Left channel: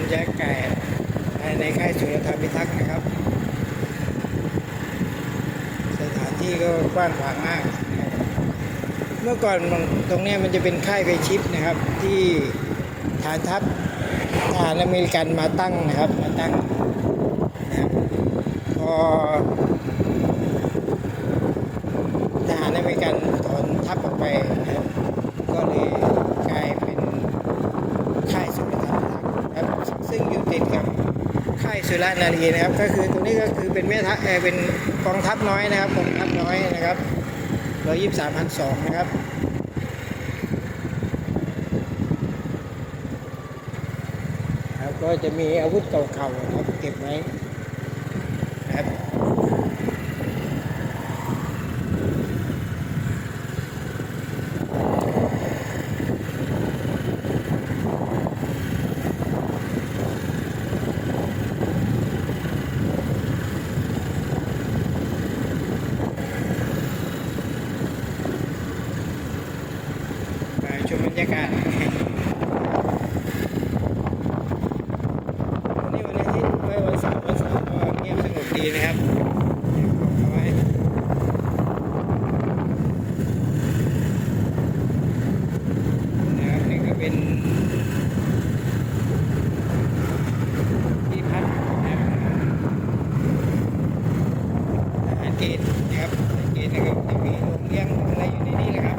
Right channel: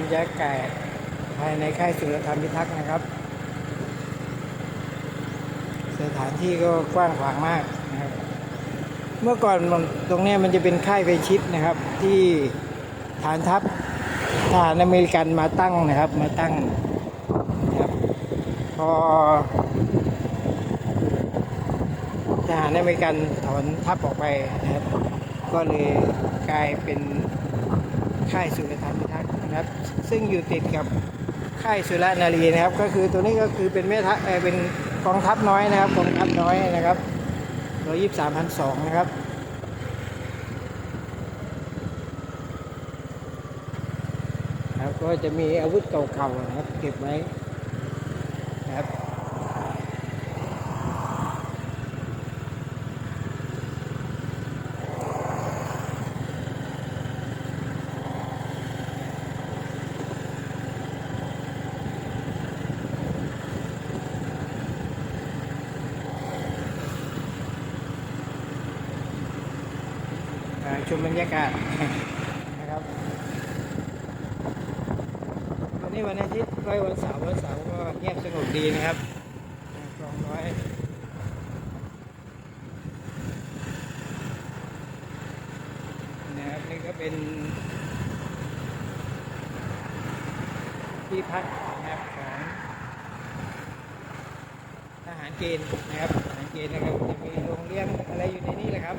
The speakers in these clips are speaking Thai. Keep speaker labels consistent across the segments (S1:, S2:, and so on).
S1: รยากาศภายในค่ายสุรธรรมพิทักษ์นะครับ สถานที่ก็กว้างขวางมากนะครับเมื่อก่อนตรงนี้มันจะเป็นค่ายไปชิดนะครับ ที่ฐานทัพทหารอเมริกันมาตั้งนะครับมาตั้งนะครับพอทหารอเมริกันถอนทัพออกไปนะครับ ก็เลยกลายเป็นค่ายสุรธรรม นะครับ ซึ่งอยู่ติดกับค่ายสุรนารีนะครับ ก็คือตัวนี้ก็คือเป็นแม่ทัพเออเป็นกองทัพน้อยนะครับกองทัพน้อยนะครับร้อยยี่สิบสามพันสองนะครับครับก็จะมีอาวุธเก่าๆนะครับเก็บไว้นะครับ ชมบรรยากาศวันนี้วันอาทิตย์ไว้วันเสาร์วันเสาร์ก็เงียบสงบดีนะครับกองน้อยนะครับนี่ก็เป็นที่พักนะครับทหารเกณฑ์นะครับทหารเกณฑ์นะครับจะมีโรงเลี้ยงอะไรอยู่ในนี้แหละครับ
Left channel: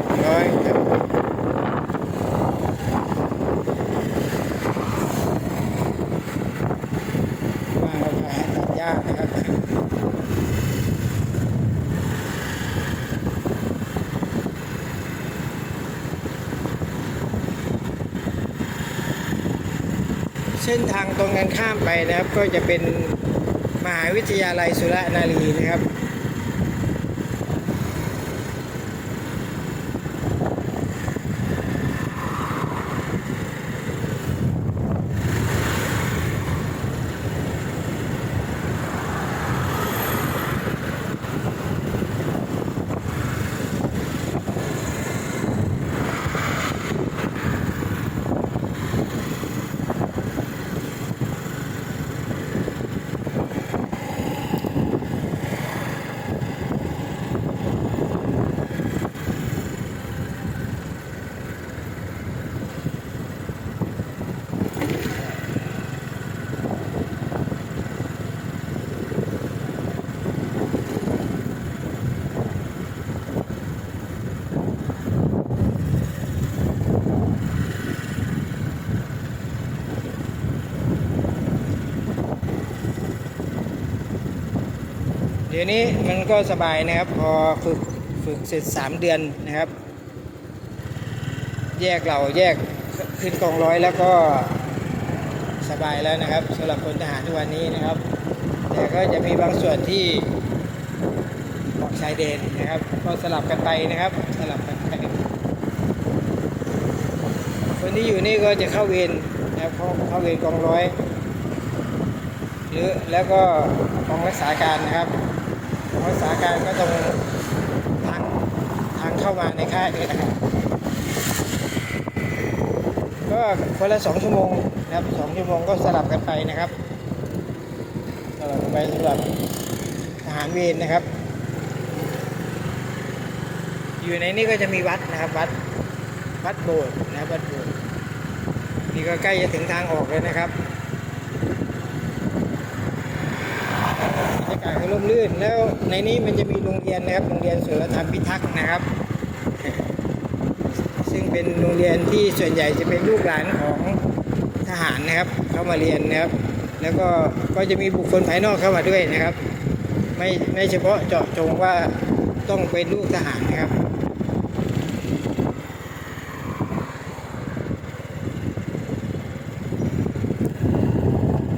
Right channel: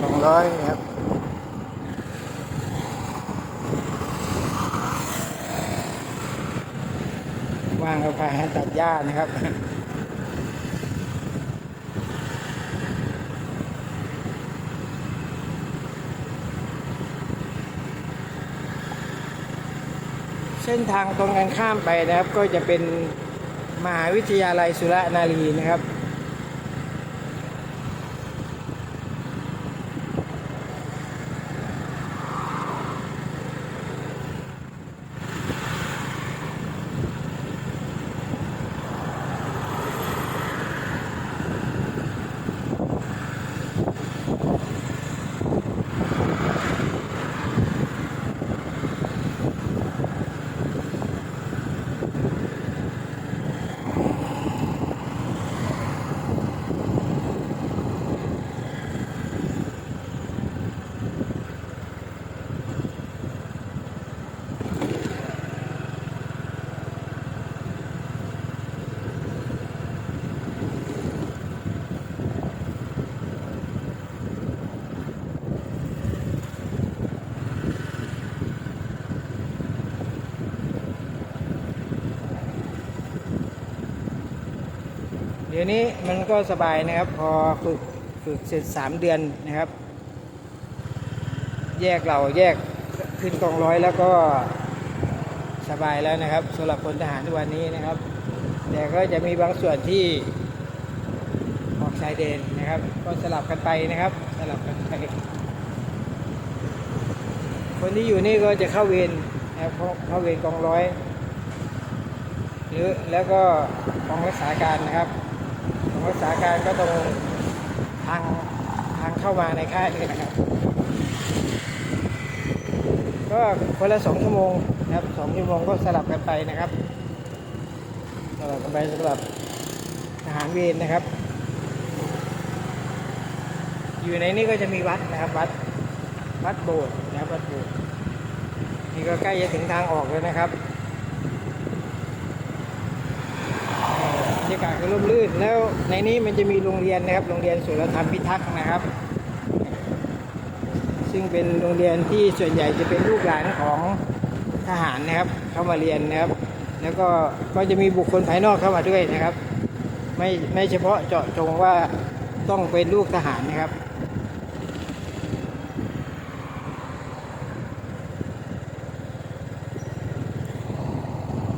S1: สอง ร้อยครับว่างเราพาให้ตัดหญ้านะครับเส้นทางตรงกันข้ามไปนะครับ ก็จะเป็นมหาวิทยาลัยสุรนารีนะครับ เดี๋ยวนี้มันก็สบายนะครับ พอฝึกฝึกเสร็จ 3 เดือนนะครับ แยกเราแยกขึ้นกองร้อยแล้วก็สบายแล้วนะครับสำหรับพลทหารทุกวันนี้นะครับ แต่ก็จะมีบางส่วนที่ออกชายเดนนะครับ ก็สลับกันไปนะครับสลับกันไปคนที่อยู่นี่ก็จะเข้าเวรนะครับเข้าเข้าเวรกองร้อยหรือแล้วก็กองรักษาการนะครับ กองรักษาการก็ตรงทางทางเข้ามาในค่ายนี่นะครับก็คนละสองชั่วโมงนะครับสองชั่วโมงก็สลับกันไปนะครับสลับกันไปสำหรับทหารเวรนะครับ อยู่ในนี้ก็จะมีวัดนะครับวัดวัดโบสถ์นะครับวัดโบสถ์นี่ก็ใกล้จะถึงทางออกแล้วนะครับบรรยากาศก็ร่มรื่น แล้วในนี้มันจะมีโรงเรียนนะครับ โรงเรียนสุรธรรมพิทักษ์นะครับ ซึ่งเป็นโรงเรียนที่ส่วนใหญ่จะเป็นลูกหลานของทหารนะครับ เข้ามาเรียนนะครับ แล้วก็ก็จะมีบุคคลภายนอกเข้ามาด้วยนะครับ ไม่ไม่เฉพาะเจาะจงว่าต้องเป็นลูกทหารนะครับ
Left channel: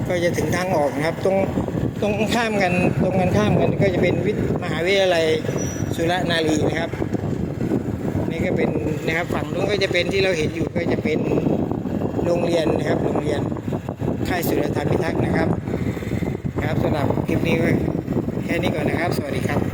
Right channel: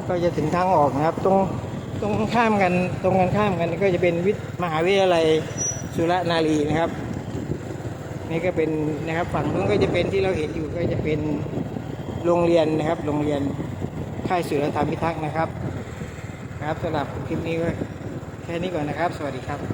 S1: ก็จะถึงทางออกนะครับ ตรง ตรงข้ามกันตรงกันข้ามกันก็จะเป็นวิทย์มหาวิทยาลัยสุรนารีนะครับ นี่ก็เป็นนะครับฝั่งนู้นก็จะเป็นที่เราเห็นอยู่ก็จะเป็นโรงเรียนนะครับ โรงเรียนค่ายสุรธรรมพิทักษ์นะครับ ครับสำหรับคลิปนี้ก็แค่นี้ก่อนนะครับ สวัสดีครับ